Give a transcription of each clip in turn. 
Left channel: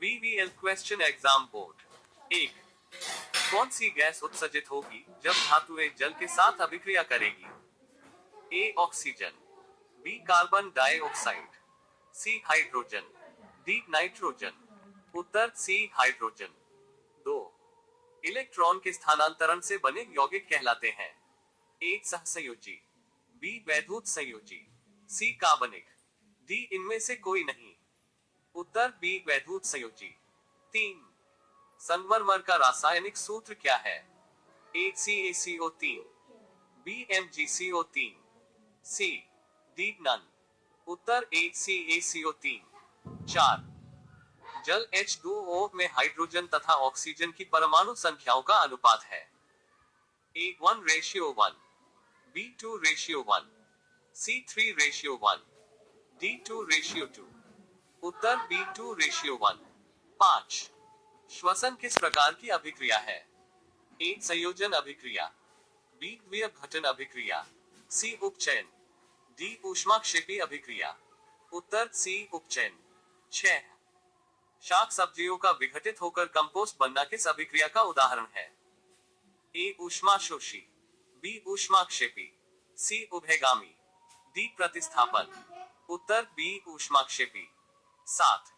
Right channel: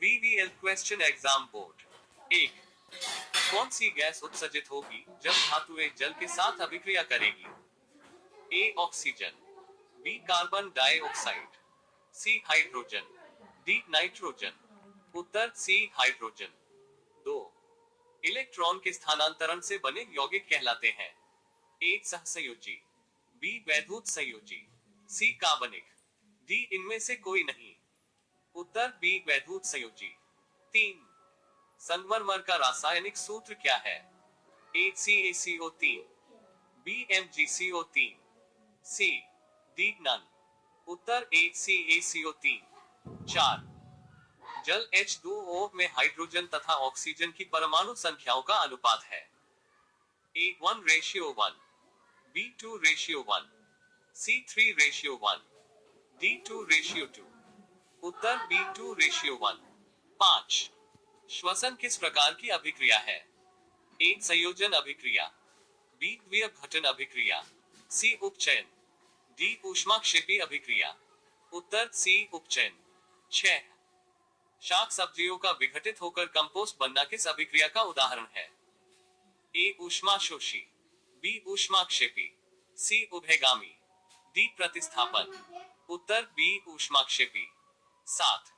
VVL question exam board. 1. कौन सी gas उत्सर्जित होगी जब धातुएं जल के साथ अभिक्रिया करेगी? A oxygen, B carbon dioxide, C hydrogen, D nitrogen. उत्तर सी हाइड्रोजन। 2. इलेक्ट्रॉन के स्थानांतरण से बने यौगिक कहलाते हैं? ए सहसंयोजी, बी वैद्युत संयोजी, सी कार्बनिक, डी इनमें से कोई नहीं। उत्तर बी वैद्युत संयोजी। 3. संगमरमर का रासायनिक सूत्र क्या है? A CaCO3, B MgCO3, C D none. उत्तर ए CaCO3। 4. जल H2O में हाइड्रोजन तथा ऑक्सीजन की परमाणु संख्याओं का अनुपात है? ए 1:1, बी 2:1, सी 3:1, डी 2:2। उत्तर बी 2:1। 5. श्वसन किस प्रकार की अभिक्रिया है? ए संयोजन अभिक्रिया, बी द्विअपघटन अभिक्रिया, सी उपचयन, डी ऊष्माक्षेपी अभिक्रिया। उत्तर सी उपचयन। 6. शाक सब्जियों का विघटित होकर कंपोस्ट बनना किस अभिक्रिया का उदाहरण है? ए ऊष्माशोषी, बी ऊष्माक्षेपी, सी उभयगामी, डी प्रतिस्थापन। उत्तर बी ऊष्माक्षेपी। 7.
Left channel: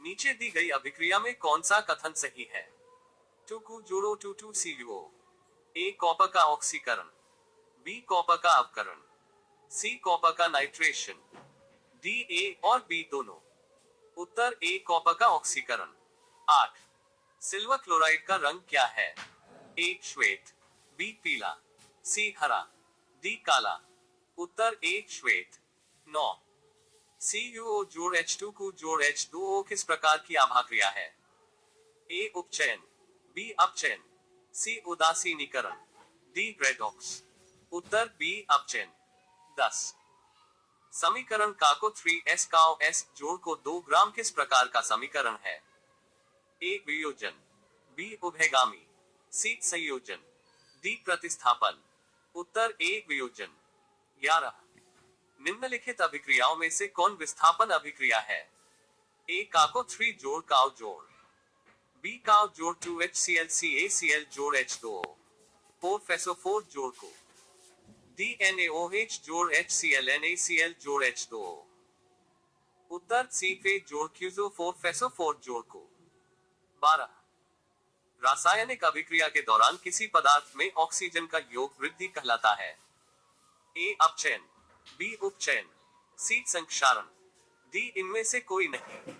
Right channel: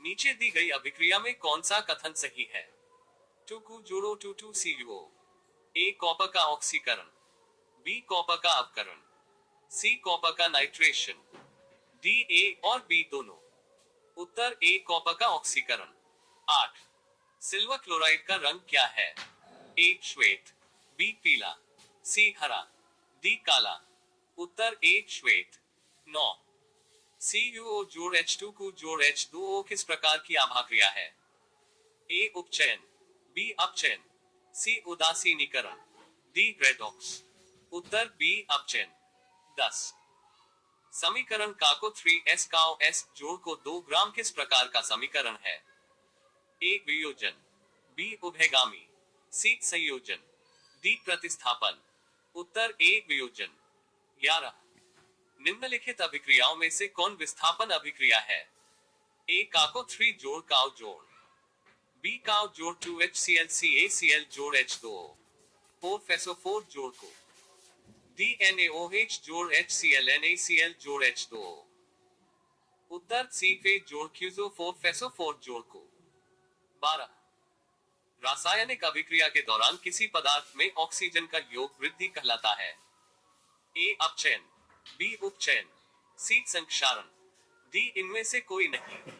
नीचे दी गई अभिक्रिया में कौन सा कथन सही है? 2 जोड़ो 2 CuO। ए कॉपर का ऑक्सीकरण, बी कॉपर का अपकरण, सी कॉपर का नाइट्रेशन, डी ए और बी दोनों। उत्तर ए कॉपर का ऑक्सीकरण। 8. सिल्वर क्लोराइड का रंग क्या है? ए श्वेत, बी पीला, सी हरा, डी काला। उत्तर ए श्वेत। 9. CuO जोड़ H2 जोड़ H2O किस प्रकार की आभाक्रिया है? ए उपचयन, बी अपचयन, सी उदासीनीकरण, डी रेडॉक्स। उत्तर बी अपचयन। 10. समीकरण का को 3s काओ s जोड़ को 2 ग्राम किस प्रकार का समीकरण है? ए वियोजन, बी उभयगामी, सी संयोजन, डी प्रतिस्थापन। उत्तर ए वियोजन। 11. निम्नलिखित अभिक्रियाओं में से कौन विस्थापन अभिक्रिया है? ए काको 3 जोड़ काओ जोड़, बी काओ जोड़ 2HCl CaCl जोड़ H2O, 4FeSO4 जोड़ को, डी NaOH जोड़ HCl NaCl जोड़ H2O। उत्तर सी फे जोड़ क्यूजो 4FeSO4 जोड़ को। 12. रासायनिक अभिक्रिया के दौरान किसी पदार्थ में ऑक्सीजन का योग वृद्धि कहलाता है? ए अपचयन, बी उपचयन, सी संक्षारण, डी इनमें से कोई नहीं।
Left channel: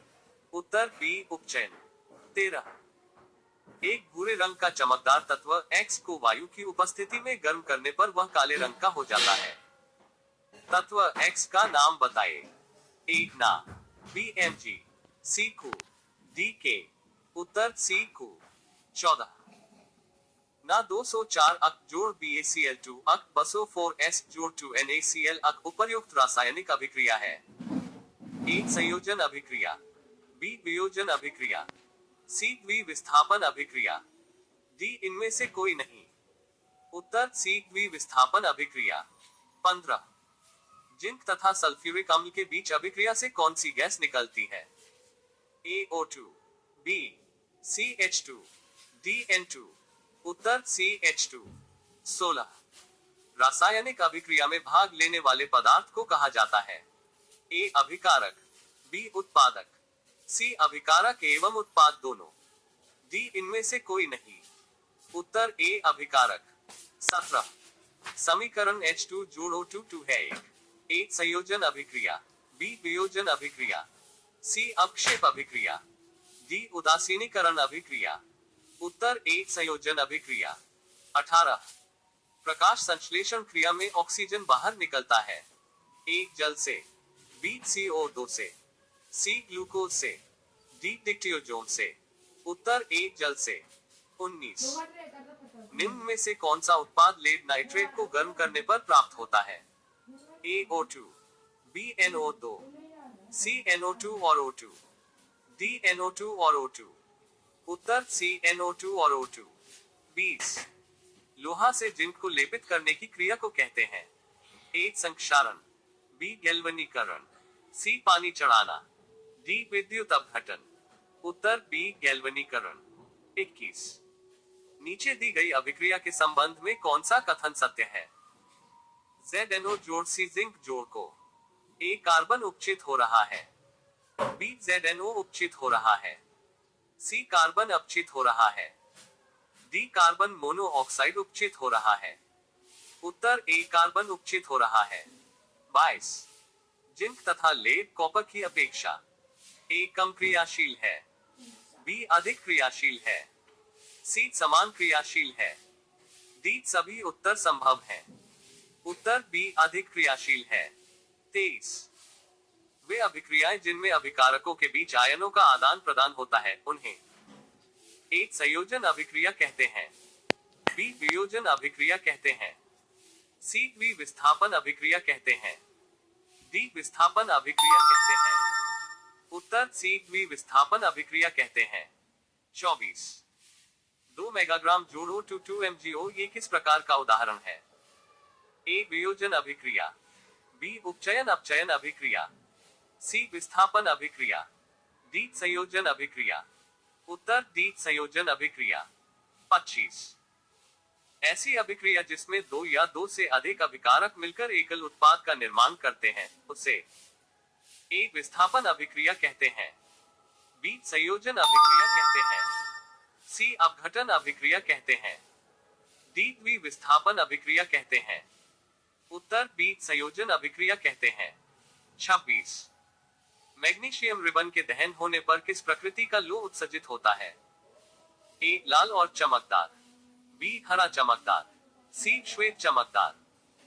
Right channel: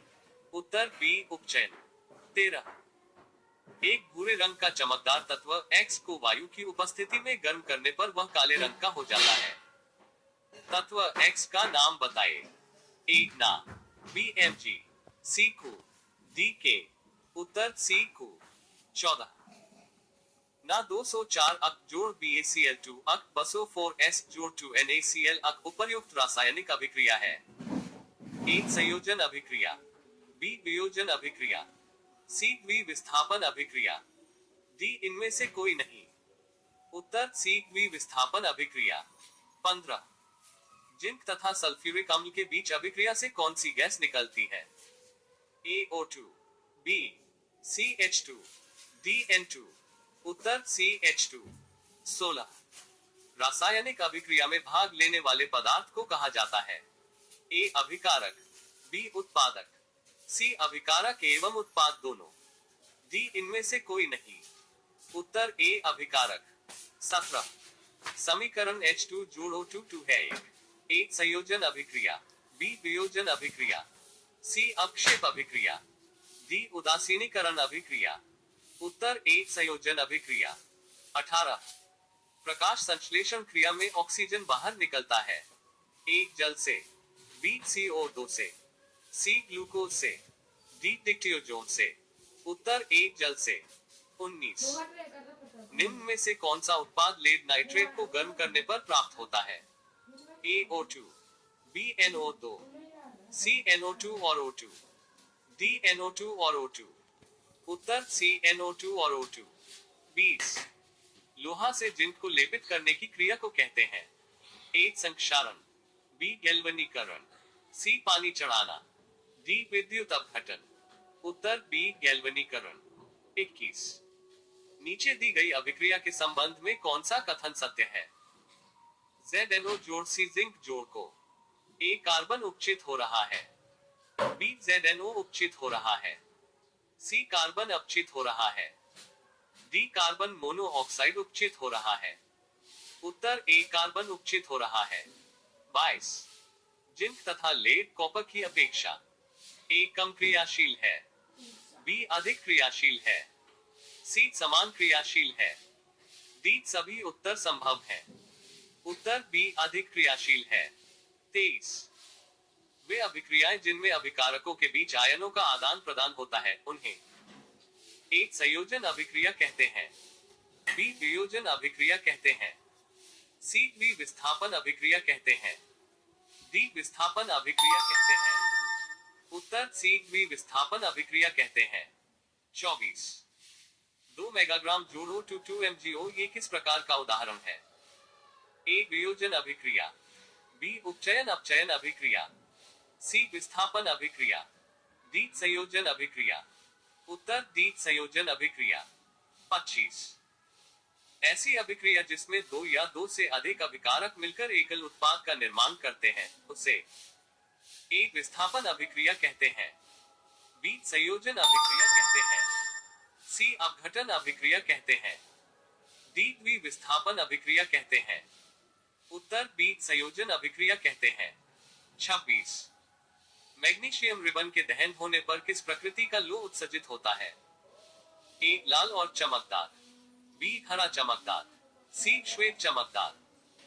उत्तर बी उपचयन। 13. एक भूरे रंग का चमकदार तत्व X को वायु की उपस्थिति में गर्म करने पर वह काले रंग का हो जाता है। तत्व X का नाम बताए। ए ना, बी Mg, सी कु, डी के। उत्तर सी कु। 14. ना 204 अक जोड़ BaCl2 अक 204S जोड़ 2NaCl अक उपर्युक्त रासायनिक अभिक्रिया है? ए संयोजन अभिक्रिया, बी वियोजन अभिक्रिया, सी द्विविस्थापन अभिक्रिया, डी इनमें से कोई नहीं। उत्तर सी द्विविस्थापन अभिक्रिया। 15. जिंक तथा सल्फ्यूरिक अम्ल के बीच अभिक्रिया से कौन सी गैस निकलती है? A O2, B CH2, D N2। उत्तर CH2। 16. रासायनिक अभिक्रिया में भाग लेने वाले पदार्थ को कहा जाता है? ए अभिकारक, बी उत्पादक, सी अभिकारक एवं उत्पाद दोनों, डी इनमें से कोई नहीं। उत्तर ए अभिकारक। 17. समीकरण H2 जोड़ O2 है ए संयोजन अभिक्रिया, बी वियोजन अभिक्रिया, सी अपक्षेप अभिक्रिया, डी उदासीनीकरण अभिक्रिया। उत्तर ए संयोजन अभिक्रिया। 18. प्रकाश संश्लेषण क्रिया में ऑक्सीजन बाहर निकलता है? ए जल से, बी CO2 से, सी ग्लूकोज से, डी डिक्टियोजोन से। उत्तर ए जल से। 19. निम्न में से कौन सा उत्पाद लेड नाइट्रेट को गर्म करने पर प्राप्त होता है? A O2, B NO2, C NO2 और O2, डी NO2 और O2। उत्तर सी NO2 और O2। 20. लोहा से जिंक को लेपित करने की क्रिया को कहते हैं? ए संक्षारण, बी गैल्वनीकरण, सी पानी चढ़ाना, डी विद्युत अपघटन। उत्तर बी गैल्वेनीकरण। 21। नीचे दी गई अभिक्रिया के संबंध में कौन सा कथन सत्य है? ZNO जोड़ सी जिंक जोड़ को ए कार्बन उपचित हो रहा है, बी ZNO उपचित हो रहा है, सी कार्बन अपचित हो रहा है, डी कार्बन मोनोऑक्साइड उपचित हो रहा है। उत्तर ए कार्बन उपचित हो रहा है। 22। जिंक तथा लेड कॉपर की अपेक्षा ए कम क्रियाशील है, बी अधिक क्रियाशील है, सी समान क्रियाशील है, डी सभी उत्तर संभव हैं। उत्तर बी अधिक क्रियाशील है। 23। वे अभिक्रियाएं जिनमें अभिकारकों के बीच आयनों का आदान प्रदान होता है उन्हें एक संयोजन अभिक्रिया कहते हैं, बी वियोजन अभिक्रिया कहते हैं, सी विस्थापन अभिक्रिया कहते हैं, डी विस्थापन अभिक्रिया कहते हैं। उत्तर सी विस्थापन अभिक्रिया कहते हैं। 24। 2 मेगाग्राम जोड़ो टू 2 MgO ये किस प्रकार का उदाहरण है? ए वियोजन अभिक्रिया, बी उपचयन अपचयन अभिक्रिया, सी विस्थापन अभिक्रिया, डी संयोजन अभिक्रिया। उत्तर डी संयोजन अभिक्रिया। 25। ऐसी अभिक्रिया जिसमें दो या दो से अधिक अभिकारक मिलकर एकल उत्पाद का निर्माण करते हैं उसे ए विस्थापन अभिक्रिया कहते हैं, बी संयोजन अभिक्रिया कहते हैं, सी अपघटन अभिक्रिया कहते हैं, डी विस्थापन अभिक्रिया कहते हैं। उत्तर बी संयोजन अभिक्रिया कहते हैं। 26। मैग्नीशियम रिबन के दहन होने पर किस प्रकृति का लौह उत्सर्जित होता है? ए लाल और चमकदार, बी हरा चमकदार, सी श्वेत चमकदार,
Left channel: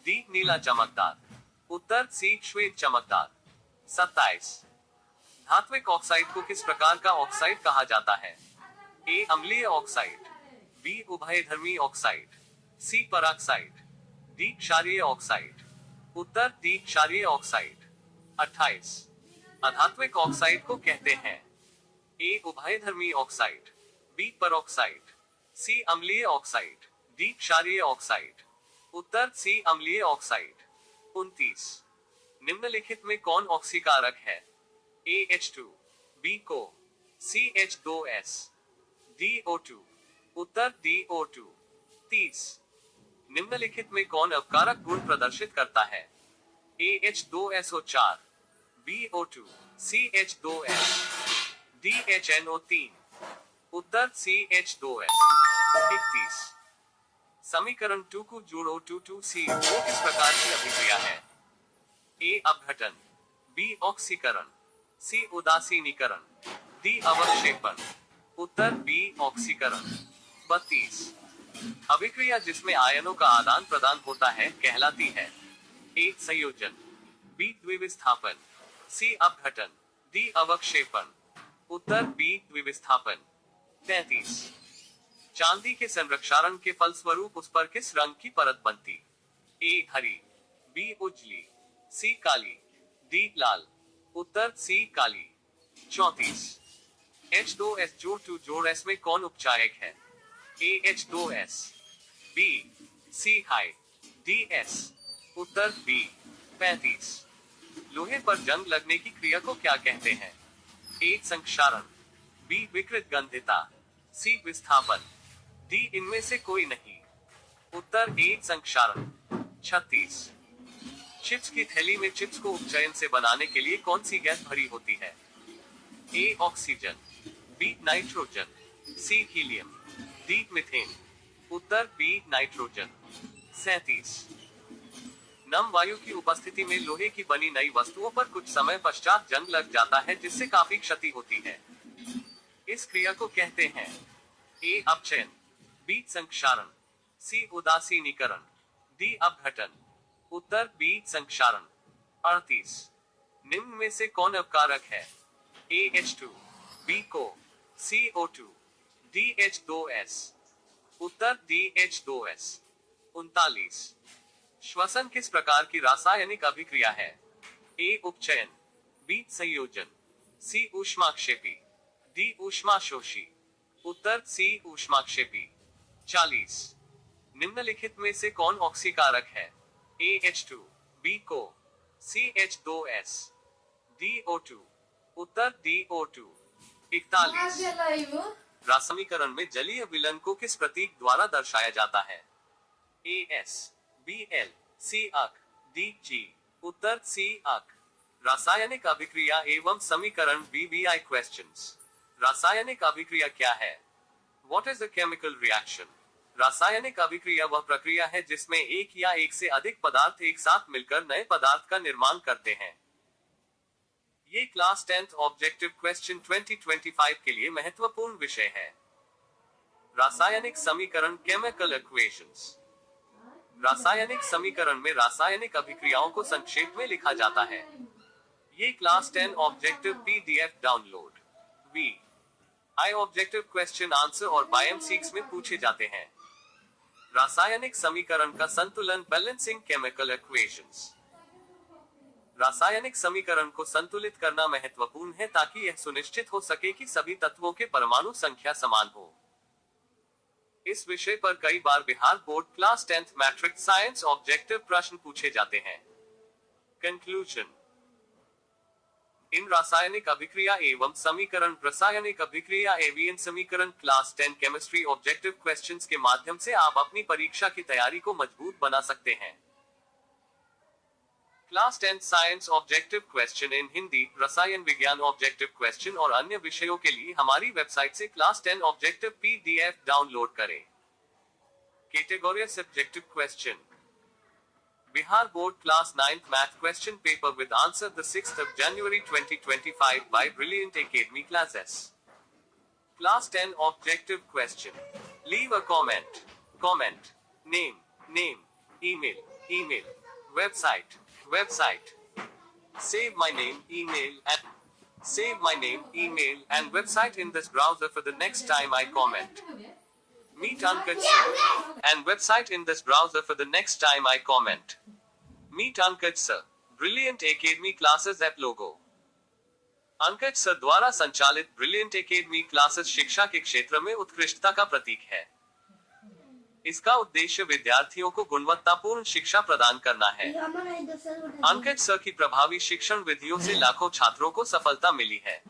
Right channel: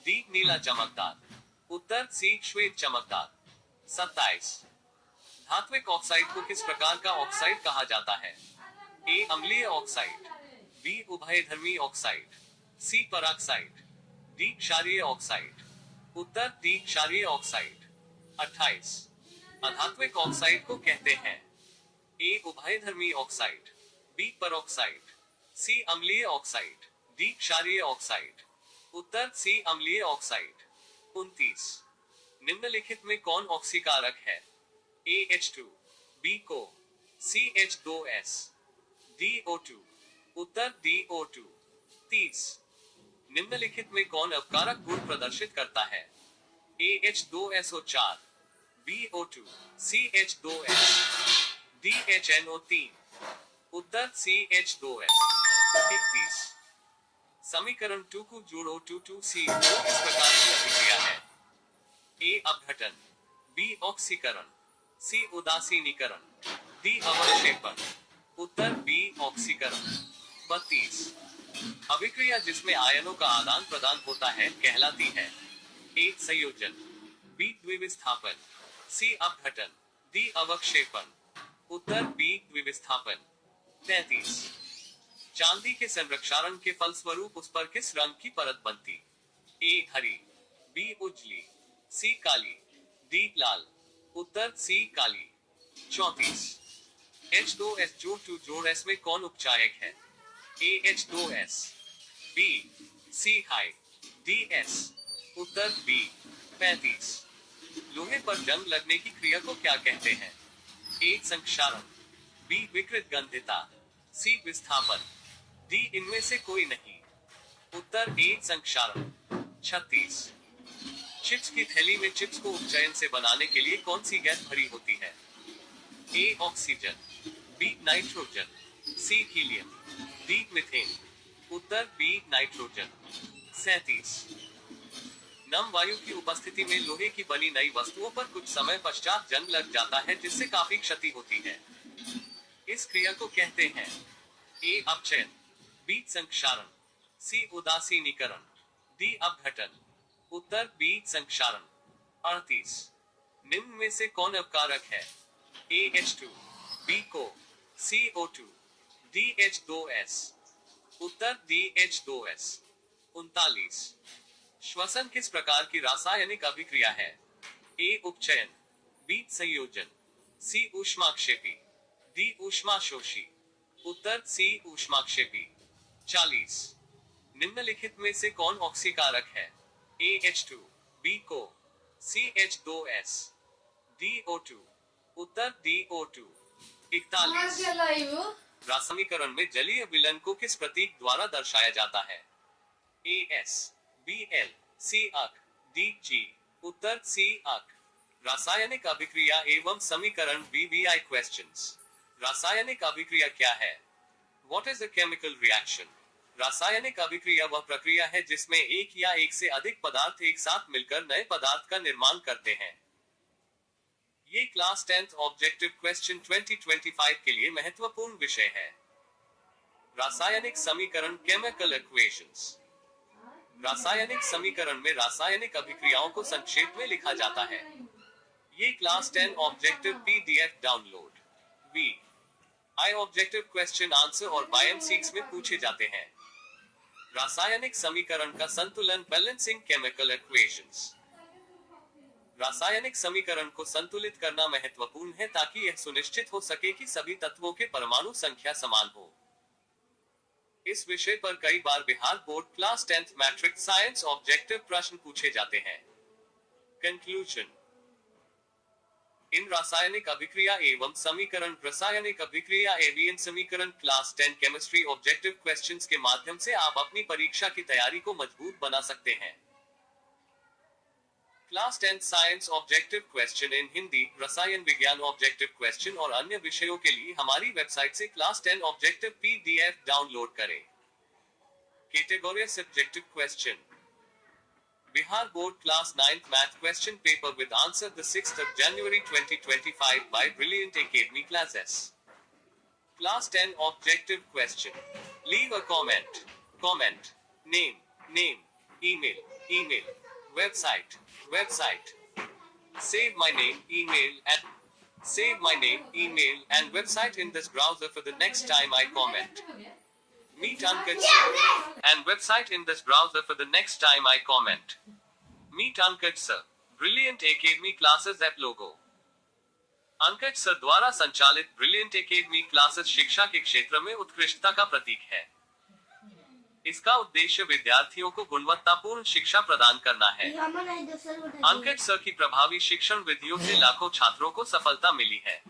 डी नीला चमकदार। उत्तर सी श्वेत चमकदार। 27। धात्विक ऑक्साइड को किस प्रकार का ऑक्साइड कहा जाता है? ए अम्लीय ऑक्साइड, बी उभयधर्मी ऑक्साइड, सी पराक्साइड, डी क्षारीय ऑक्साइड। उत्तर डी क्षारीय ऑक्साइड। 28। अधात्विक ऑक्साइड को कहते हैं ए उभयधर्मी ऑक्साइड, बी परऑक्साइड, सी अम्लीय ऑक्साइड, डी क्षारीय ऑक्साइड। उत्तर सी अम्लीय ऑक्साइड। 29। निम्नलिखित में कौन ऑक्सीकारक है? ए H2, बी को, सी H2S, डी O2। उत्तर डी O2। 30। निम्नलिखित में कौन अपकारक गुण प्रदर्शित करता है? ए H2SO4, बी O2, सी H2S, डी HNO3। उत्तर सी H2S। 31। समीकरण 2 को जोड़ो 2,2C वो किस प्रकार की अभिक्रिया है? ए अपघटन, बी ऑक्सीकरण, सी उदासीनीकरण, डी अवक्षेपण। उत्तर बी ऑक्सीकरण। 32। अभिक्रिया जिसमें आयनों का आदान प्रदान होता है कहलाती है ए संयोजन, बी द्विविस्थापन, सी अपघटन, डी अवक्षेपण। उत्तर बी द्विविस्थापन। 33। चांदी के संरक्षारण के फलस्वरूप उस पर किस रंग की परत बनती? ए हरी, बी उजली, सी काली, डी लाल। उत्तर सी काली। 34। H2S जोड़ 2 जोड़ S में कौन उपचायक है? ए H2S, बी सी हाई, डी एस। उत्तर बी। 35। लोहे पर जंग लगने की क्रिया को क्या कहते हैं? ए संक्षारण, बी विकृत गंधिता, सी विस्थापन, डी इनमें से कोई नहीं। उत्तर ए संक्षारण। 36। चिप्स की थैली में चिप्स को उपचयन से बनाने के लिए कौन सी गैस भरी होती है? A oxygen, B nitrogen, C helium, D methane. उत्तर बी नाइट्रोजन। 37। नम वायु की उपस्थिति में लोहे की बनी नई वस्तुओं पर कुछ समय पश्चात जंग लग जाता है जिससे काफी क्षति होती है। इस क्रिया को कहते हैं ए अपचयन, बी संक्षारण, सी उदासीनीकरण, डी अपघटन। उत्तर बी संक्षारण। 38। निम्न में से कौन अपकारक है? ए H2, बी को, सी O2, डी H2S। उत्तर डी H2S। 39। श्वसन किस प्रकार की रासायनिक अभिक्रिया है? ए उपचयन, बी संयोजन, सी ऊष्माक्षेपी, डी ऊष्माशोषी। उत्तर सी ऊष्माक्षेपी। 40। निम्नलिखित में से कौन ऑक्सीकारक है? ए H2, बी को, सी H2S, डी O2। उत्तर डी O2। 41 रासमीकरण में जलीय विलयन को किस प्रतीक द्वारा दर्शाया जाता है? AS, BL, C अक, DG। उत्तर C अक। रासायनिक अभिक्रिया एवं समीकरण BBI क्वेश्चंस। रासायनिक अभिक्रिया क्या है? What is a chemical reaction? रासायनिक अभिक्रिया वह प्रक्रिया है जिसमें एक या एक से अधिक पदार्थ एक साथ मिलकर नए पदार्थ का निर्माण करते हैं। ये क्लास 10th ऑब्जेक्टिव क्वेश्चन 2025 के लिए महत्वपूर्ण विषय है। रासायनिक समीकरण केमिकल इक्वेशंस। रासायनिक समीकरण में रासायनिक अभिक्रियाओं को संक्षेप में लिखा जाता है। ये class 10 objective PDF download VI objective question answer और बायोम6 में पूछे जाते हैं। रासायनिक समीकरण का संतुलन बैलेंसिंग केमिकल इक्वेशंस। रासायनिक समीकरण को संतुलित करना महत्वपूर्ण है ताकि यह सुनिश्चित हो सके कि सभी तत्वों के परमाणु संख्या समान हो। इस विषय पर कई बार Bihar board class 10th matrix science objective प्रश्न पूछे जाते हैं। कंक्लूजन। इन रासायनिक अभिक्रिया एवं समीकरण रासायनिक अभिक्रिया एवं समीकरण क्लास 10 केमिस्ट्री ऑब्जेक्टिव क्वेश्चंस के माध्यम से आप अपनी परीक्षा की तैयारी को मजबूत बना सकते हैं। Class 10 science objective question in Hindi, रसायन विज्ञान ऑब्जेक्टिव क्वेश्चन और अन्य विषयों के लिए हमारी वेबसाइट से क्लास 10 ऑब्जेक्टिव PDF डाउनलोड करें। Category subjective question. Bihar board class 9th math question paper with answer the 6th of January 2025 by Brilliant Academy classes. Class 10 objective question. Leave a comment. Comment. Name. Email. Website. Save my name, email and website in this browser for the next time I comment. Meet Ankit sir and website in this browser for the next time I comment. Meet Ankit sir. Brilliant Academy classes at logo. Ankit sir द्वारा संचालित brilliant academy classes शिक्षा के क्षेत्र में उत्कृष्टता का प्रतीक है। इसका उद्देश्य विद्यार्थियों को गुणवत्तापूर्ण शिक्षा प्रदान करना है। अंकित सर की प्रभावी शिक्षण विधियों से लाखों छात्रों को सफलता मिली है।